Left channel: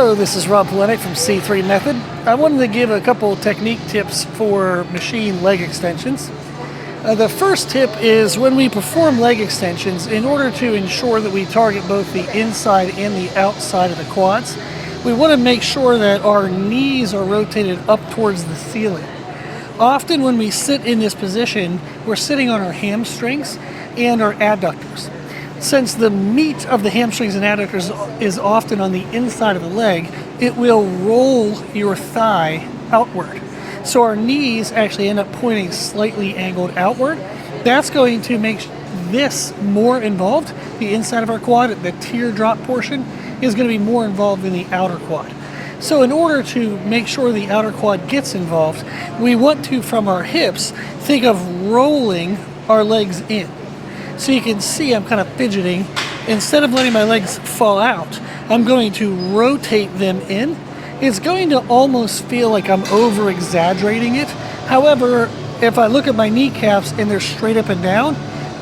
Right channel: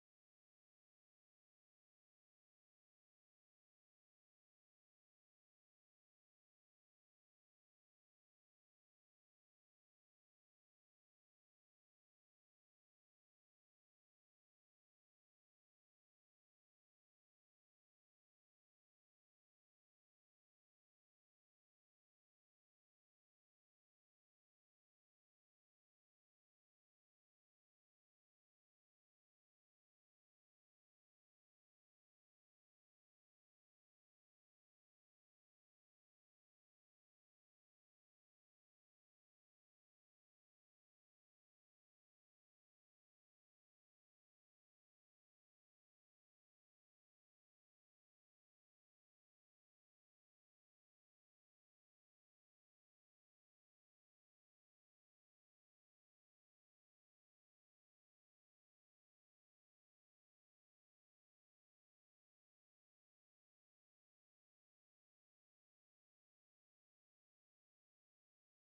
Hello, this is Rob Polenic from C3 Method. I wanted to give a couple technique tips for machine leg extensions. The first tip is when we perform leg extensions, in order to ensure that we target both the inside and the outside of the quads, we want to make sure that our knees are rotated up towards the ceiling. Often when we sit in this position, we're sitting on our hamstrings and our adductors. Since the meat of the hamstrings and adductors is often on the inside of the leg, it will roll your thigh outward. So our knees actually end up pointing slightly angled outward. That's going to make this more involved. The inside of our quad, the teardrop portion, is going to be more involved than the outer quad. So in order to make sure the outer quad gets involved, we want to, from our hips, think of rolling our legs in. So you can see I'm kind of fidgeting. Instead of letting my legs fall out, I'm going to rotate them in. It's going to almost feel like I'm over exaggerating it. However, if I look at my kneecaps and they're straight up and down,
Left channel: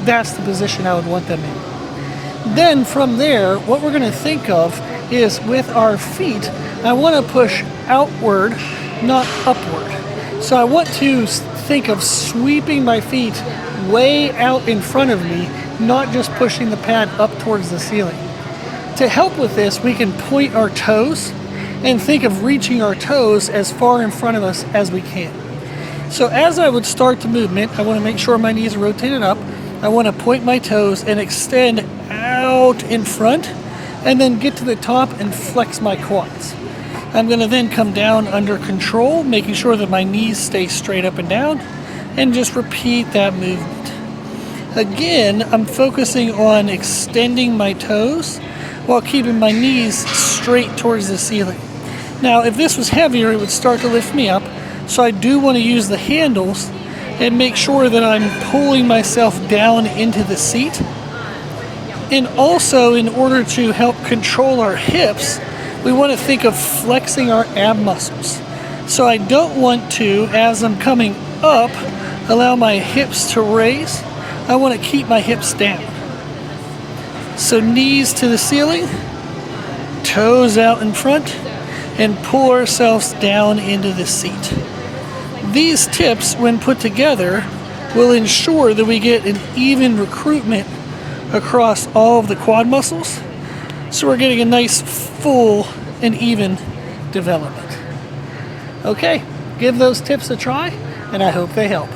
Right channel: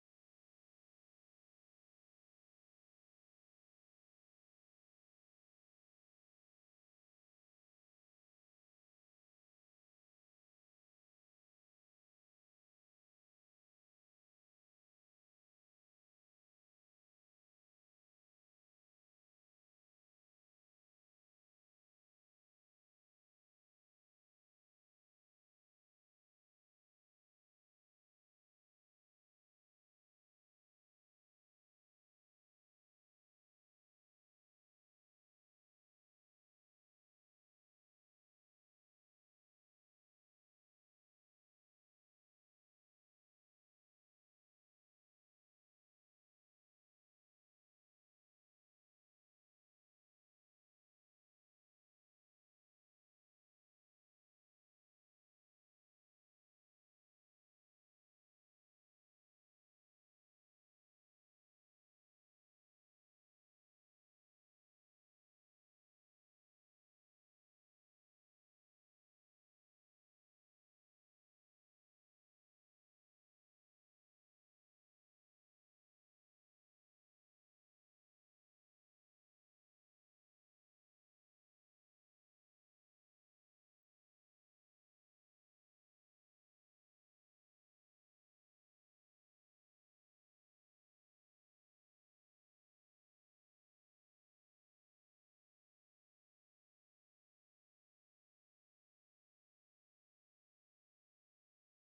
that's the position I would want them in. Then from there, what we're going to think of is with our feet, I want to push outward, not upward. So I want to think of sweeping my feet way out in front of me, not just pushing the pad up towards the ceiling. To help with this, we can point our toes and think of reaching our toes as far in front of us as we can. So as I would start the movement, I want to make sure my knees are rotated up. I want to point my toes and extend out in front, and then get to the top and flex my quads. I'm going to then come down under control, making sure that my knees stay straight up and down, and just repeat that movement. Again, I'm focusing on extending my toes while keeping my knees straight towards the ceiling. Now, if this was heavier, it would start to lift me up, so I do want to use the handles and make sure that I'm pulling myself down into the seat. And also, in order to help control our hips, we want to think of flexing our ab muscles. So I don't want to, as I'm coming up, allow my hips to raise. I want to keep my hips down. So knees to the ceiling, toes out in front, and pull ourselves down into the seat. These tips, when put together, will ensure that we get an even recruitment across all of the quad muscles, so we're getting a nice full and even development. Okay, give those tips a try, and I hope they help.